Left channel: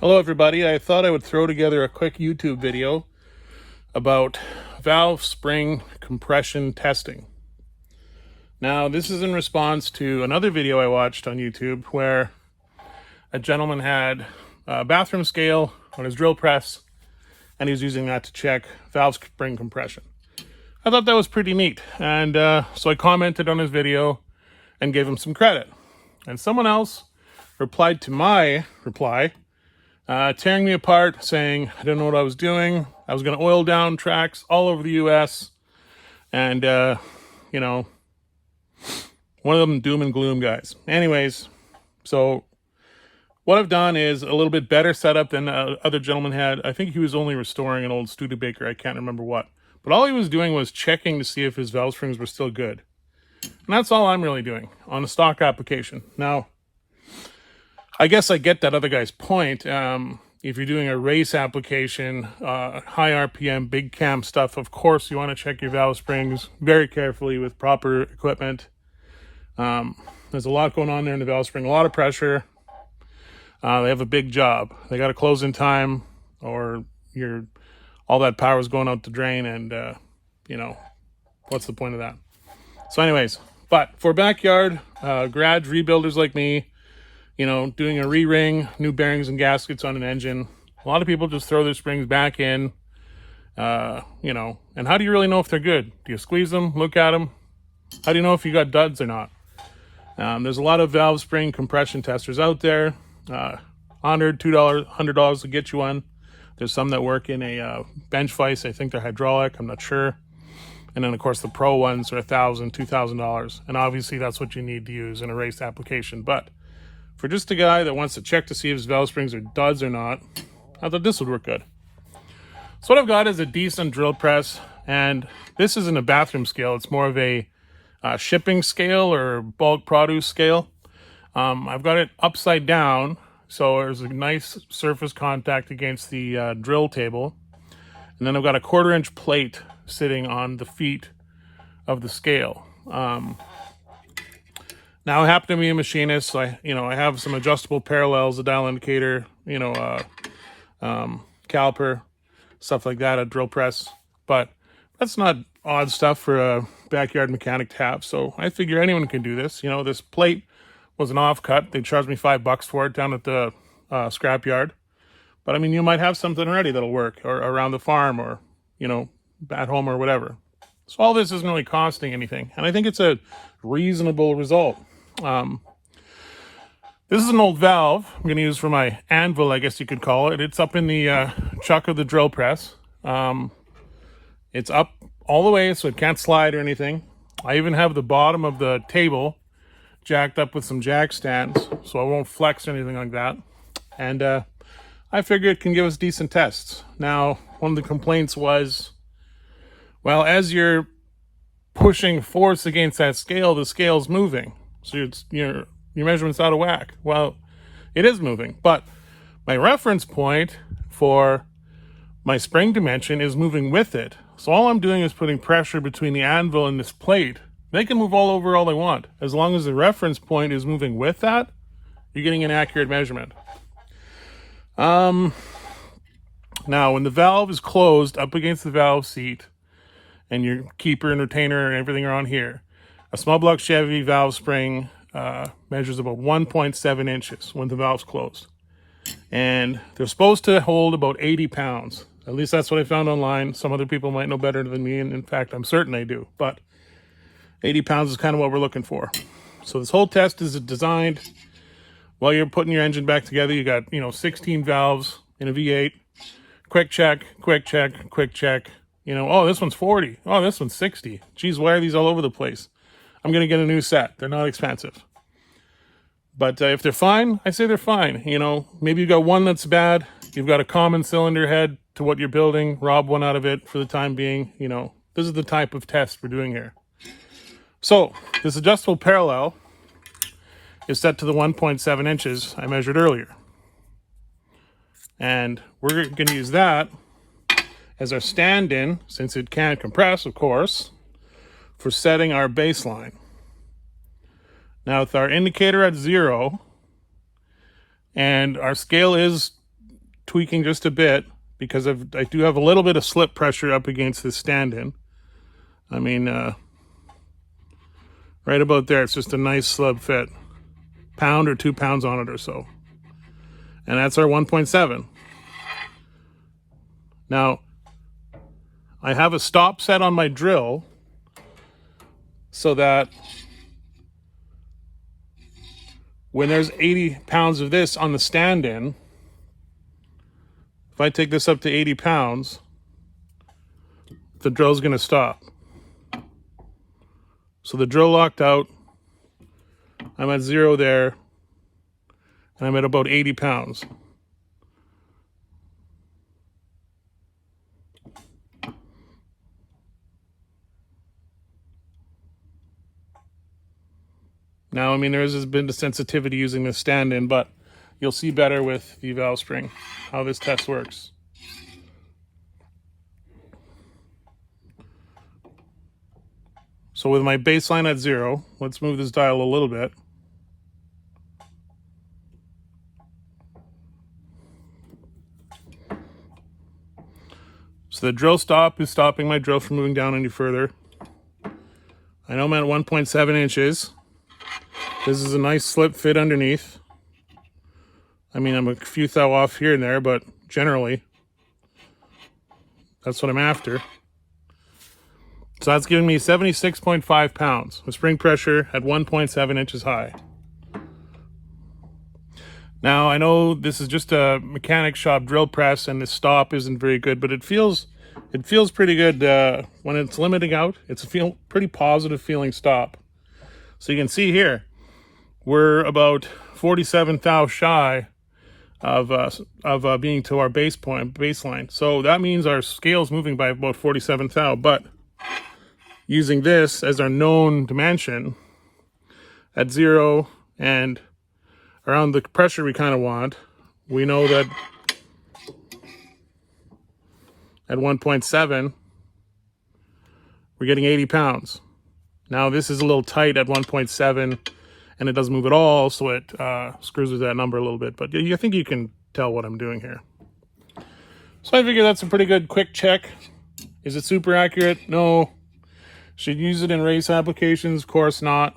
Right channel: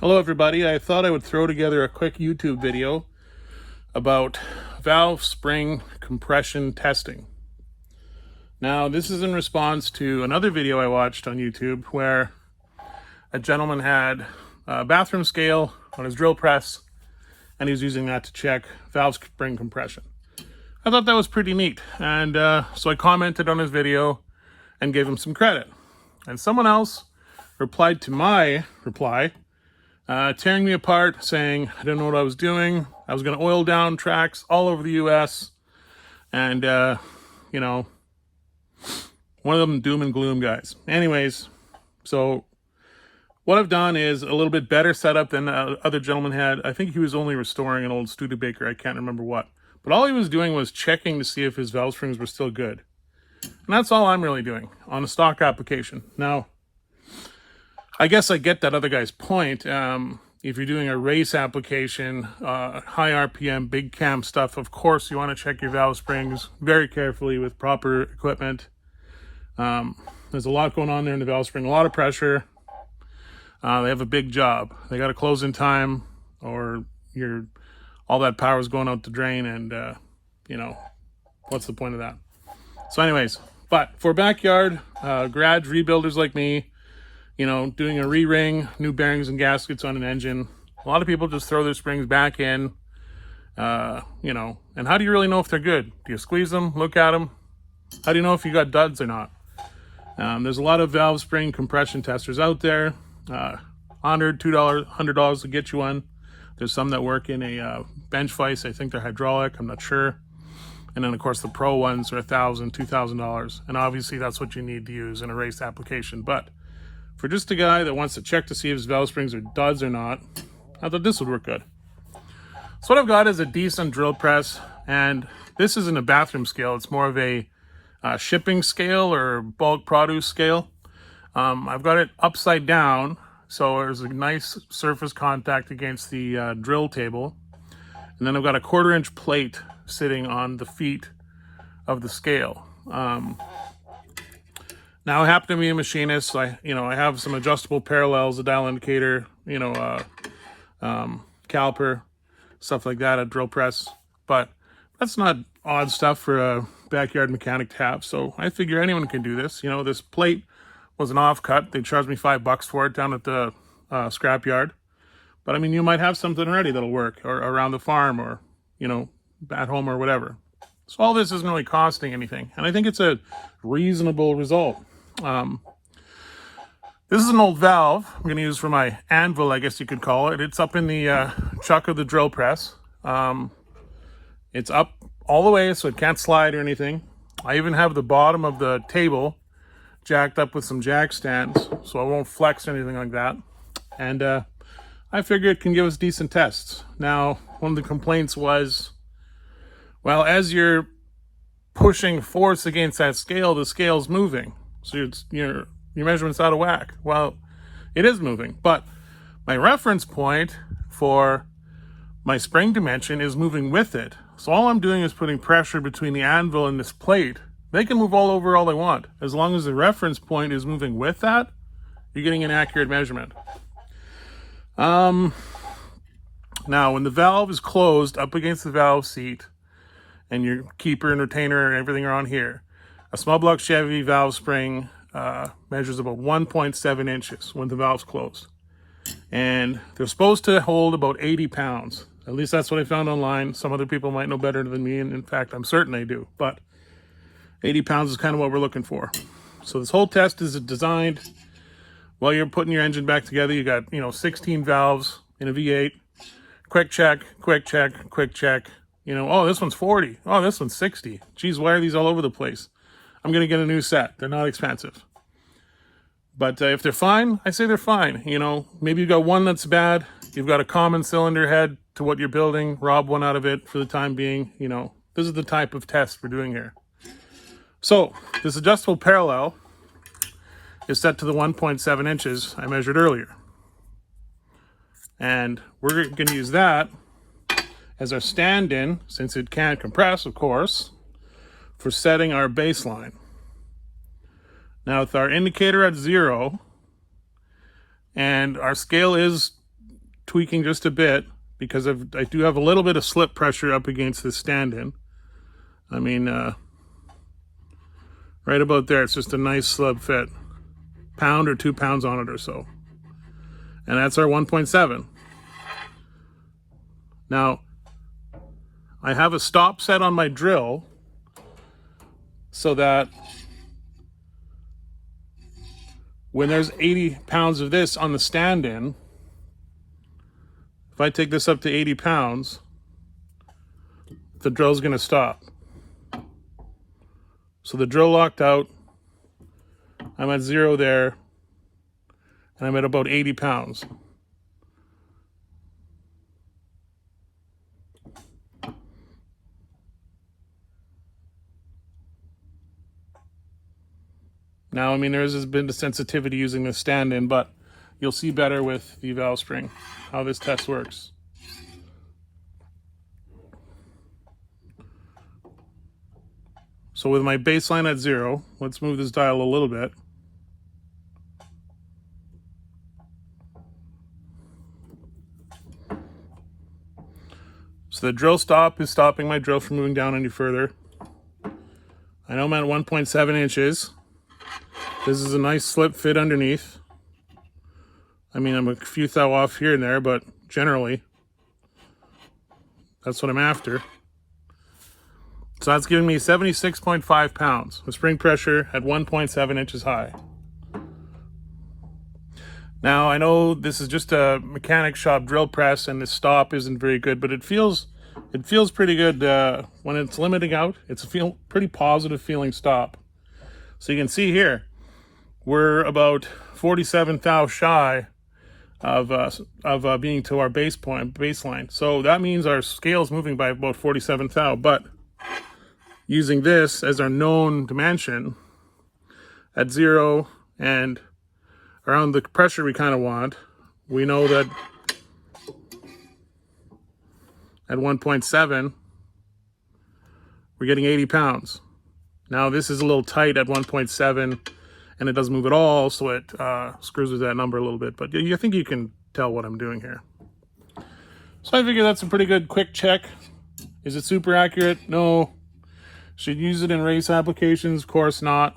Hello everybody, I thought I would throw together a quick YouTube video about valve spring compression testing. Now this is in response to another video I watched on YouTube where a gentleman had a bathroom scale on his drill press and he was using that to check valve spring compression. I thought that was pretty neat, and so I commented on his video and gave him some credit. And someone else replied to my reply, tearing me apart, saying I didn't know what I was doing. I was going to oil down tracks all over the U.S. And, you know, one of them doom and gloom guys. Anyways, so what I've done is a little bit better setup than the other gentleman had. I think he was only restoring an old Studebaker. I can't remember what. But all he was doing was checking to see if his valve springs were still good. And that's all I'm really doing on a stock application. Now, I guess I get that other guy's point. If you're doing a race application, high RPM, big cam stuff, of course you want to check your valve springs very carefully with proper equipment. There's a lot going on there in the valve spring, a lot of pressure. They have a big job. They got to close in time, or all that power is going out the drain, and you know, what's the point of that? So anyways, but for backyard garage rebuilders like me, you know, doing a re-ring, new bearings and gaskets on an engine, a lot of people just throw their springs back in, you know, and how do you really know if they're good? Do you squeeze them, look at them? How do you know if you got duds or not? There's a lot of valve spring compression testers out there, $100, $200, $100 to get you one. There's some that work in a bench vise. I think they're hydraulic, I'm not sure. And then of course the pro ones are $1,000, $2,000. And obviously that's what you need to use in a race application. But for just a guy that wants to check to see if his valve springs are duds or not, I thought this would work good. So what I've got is a decent drill press, and this isn't a bathroom scale. It's more of a shipping scale or bulk produce scale. I've got it upside down, so there's a nice surface contact against the drill table. And then I've got a 1/4 inch plate sitting on the feet of the scale. Now I happen to be a machinist, so I have some adjustable parallels, a dial indicator, caliper, stuff like that, a drill press. But that's not odd stuff for a backyard mechanic to have. So I figure anyone can do this. You know, this plate was an offcut. They charged me $5 for it down at the scrapyard. But I mean, you might have something already that'll work, or around the farm, or, you know, at home or whatever. So all this isn't really costing anything. And I think it's a reasonable result. This is an old valve I'm going to use for my anvil, I guess you could call it. It's up in the chuck of the drill press. It's up all the way, so it can't slide or anything. I even have the bottom of the table jacked up with some jack stands, so I won't flex or anything like that. And I figure it can give us decent tests. Now, one of the complaints was, well, as you're pushing force against that scale, the scale's moving. So your measurement's out of whack. Well, it is moving, but my reference point for my spring dimension is moving with it. So all I'm doing is putting pressure between the anvil and this plate. They can move all over all they want. As long as the reference point is moving with that, you're getting an accurate measurement. Now, when the valve is closed up against the valve seat, and your keeper and retainer and everything are on here, a small block Chevy valve spring measures about 1.7 inches when the valve's closed. And they're supposed to hold about 80 pounds. At least that's what I found online. Some other people might know better than me, and in fact, I'm certain they do. But 80 pounds is kind of what we're looking for. So this whole test is designed while you're putting your engine back together. You got, 16 valves in a V8. Quick check, quick check, quick check. Oh, this one's 40. Oh, this one's 60. Geez, why are these all over the place? I'm going to get a new set. They're not expensive. But if they're fine, I say they're fine. Maybe you've got one that's bad. You've got a common cylinder head to what you're building. Rob one out of it for the time being. This is the type of test we're doing here. So this adjustable parallel is set to the 1.7 inches I measured earlier. And we're going to use that as our stand-in, since it can't compress, of course, for setting our baseline. Now with our indicator at 0, and our scale is tweaking just a bit because I do have a little bit of slip pressure up against this stand-in. I mean, right about there, it's just a nice slub fit. Pound or 2 pounds on it or so. And that's our 1.7. Now, I have a stop set on my drill so that when there's 80 pounds of this on the stand-in, if I take this up to 80 pounds, the drill's going to stop. So the drill locked out, I'm at 0 there, and I'm at about 80 pounds. Now, I mean, there has been the sensitivity using the stand-in, but you'll see better with the valve spring how this test works. So with my baseline at 0, let's move this dial a little bit. So the drill stop is stopping my drill from moving down any further. I know I'm at 1.7 inches. This is a nice slip fit underneath. I mean, I'm a few thou off here and there, but generally, that's what I'm after. So that's giving me 76.5 pounds with spring pressure at 1.7 inches high. Now, I know this is just a mechanic shop drill press and the stop isn't very good, but it feels pretty good when it's limiting out. It's a pretty positive feeling stop. So you can see here, we're about 47 thou shy of being to our baseline. So that means our scale's moving by about 47 thou, but using this as our known dimension at 0 and around the pressure we kind of want, we know that at 1.7, we're getting 80 pounds. Now this is a little tight at 1.7 and it doesn't move at all, so it screws with that number a little bit, but I think you can tell what I'm doing here. So I figure that's a pretty good quick check. Is it super accurate? No. Should use it in race applications? Of course not.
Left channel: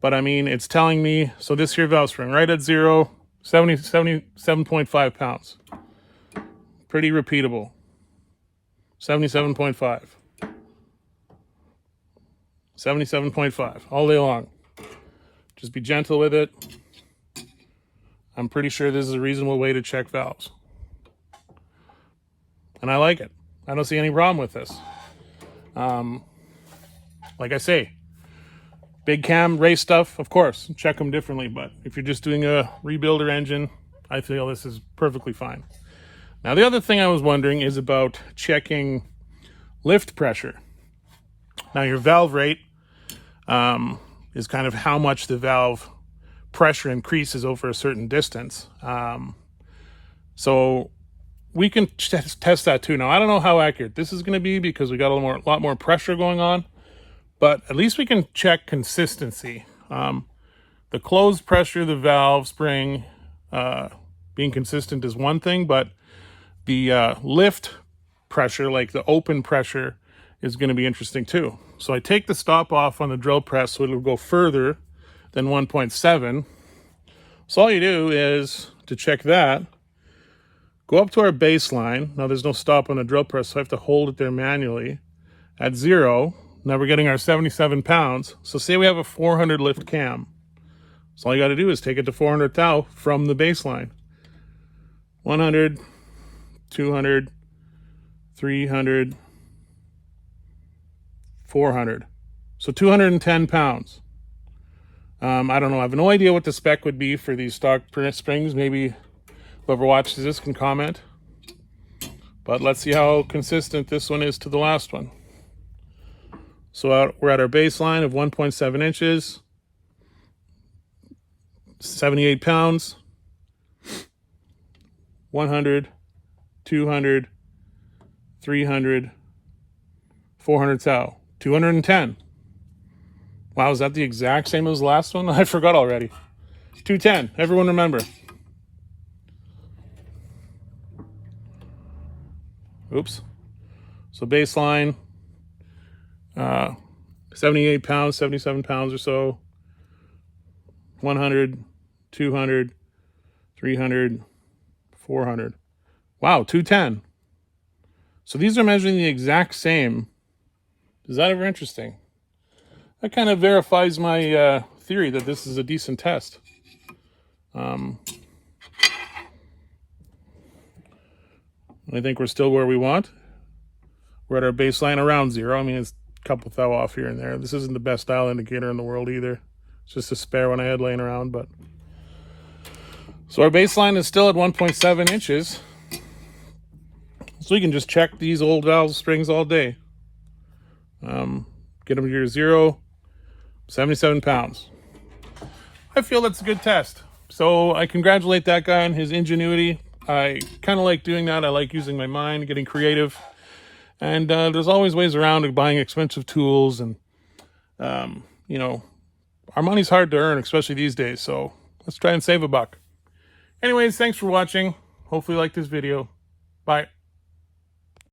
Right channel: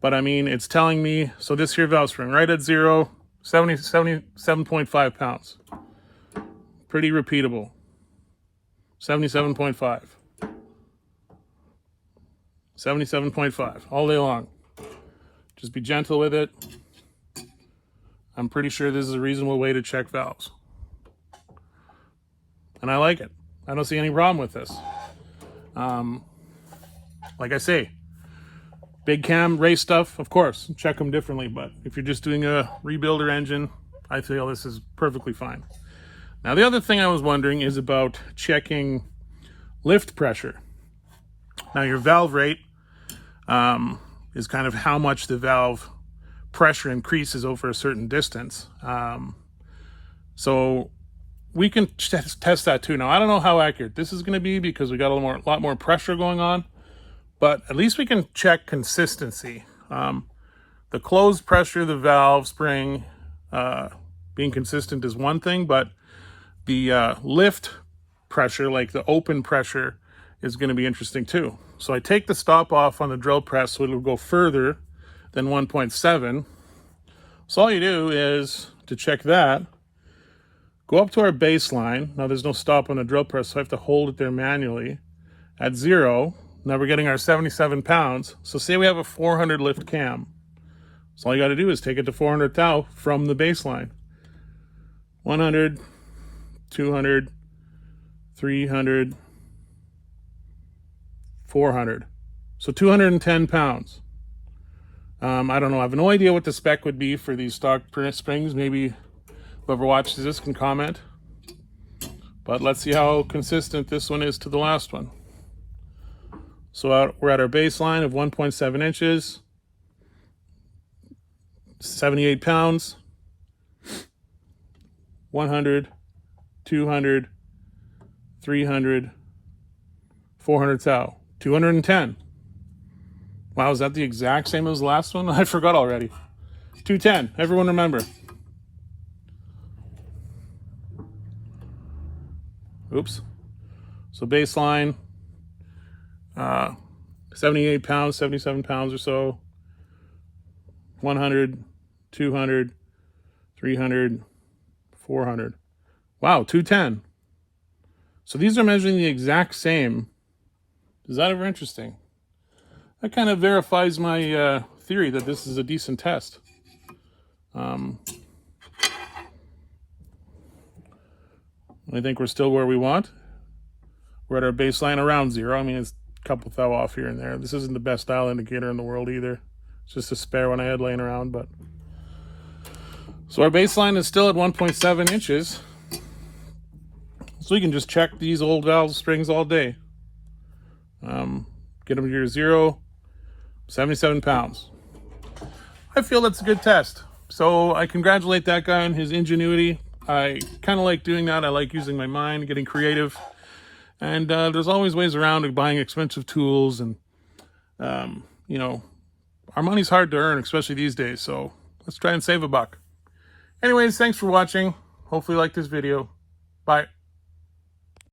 But I mean, it's telling me, so this here valve spring, right at 0, 77.5 pounds. Pretty repeatable. 77.5. 77.5, all day long. Just be gentle with it. I'm pretty sure this is a reasonable way to check valves. And I like it. I don't see any problem with this. Like I say, big cam race stuff, of course, check them differently. But if you're just doing a rebuilder engine, I feel this is perfectly fine. Now, the other thing I was wondering is about checking lift pressure. Now, your valve rate is kind of how much the valve pressure increases over a certain distance. So we can test that too. Now, I don't know how accurate this is going to be because we got a lot more pressure going on. But at least we can check consistency. The closed pressure of the valve spring being consistent is one thing, but the lift pressure, like the open pressure, is going to be interesting too. So I take the stop off on the drill press so it'll go further than 1.7. So all you do is, to check that, go up to our baseline. Now there's no stop on the drill press, so I have to hold it there manually at 0. Now we're getting our 77 pounds. So say we have a 400 lift cam. So all you got to do is take it to 400 thou from the baseline. 100, 200, 300, 400. So 210 pounds. I don't know. I have no idea what the spec would be for these stock springs. Maybe whoever watches this can comment. But let's see how consistent this one is to the last one. So we're at our baseline of 1.7 inches, 78 pounds, 100, 200, 300, 400 thou, 210. Wow, is that the exact same as the last one? I forgot already. 210, everyone remember. Oops. So baseline, 78 pounds, 77 pounds or so. 100, 200, 300, 400. Wow, 210. So these are measuring the exact same. Is that ever interesting? That kind of verifies my theory that this is a decent test. I think we're still where we want. We're at our baseline around 0. I mean, it's a couple thou off here and there. This isn't the best dial indicator in the world either. It's just a spare one I had laying around. But so our baseline is still at 1.7 inches. So we can just check these old valve springs all day. Get them to your 0, 77 pounds. I feel that's a good test. So I congratulate that guy on his ingenuity. I kind of like doing that. I like using my mind, getting creative. And there's always ways around of buying expensive tools. And, you know, our money's hard to earn, especially these days. So let's try and save a buck. Anyways, thanks for watching. Hopefully you liked this video. Bye.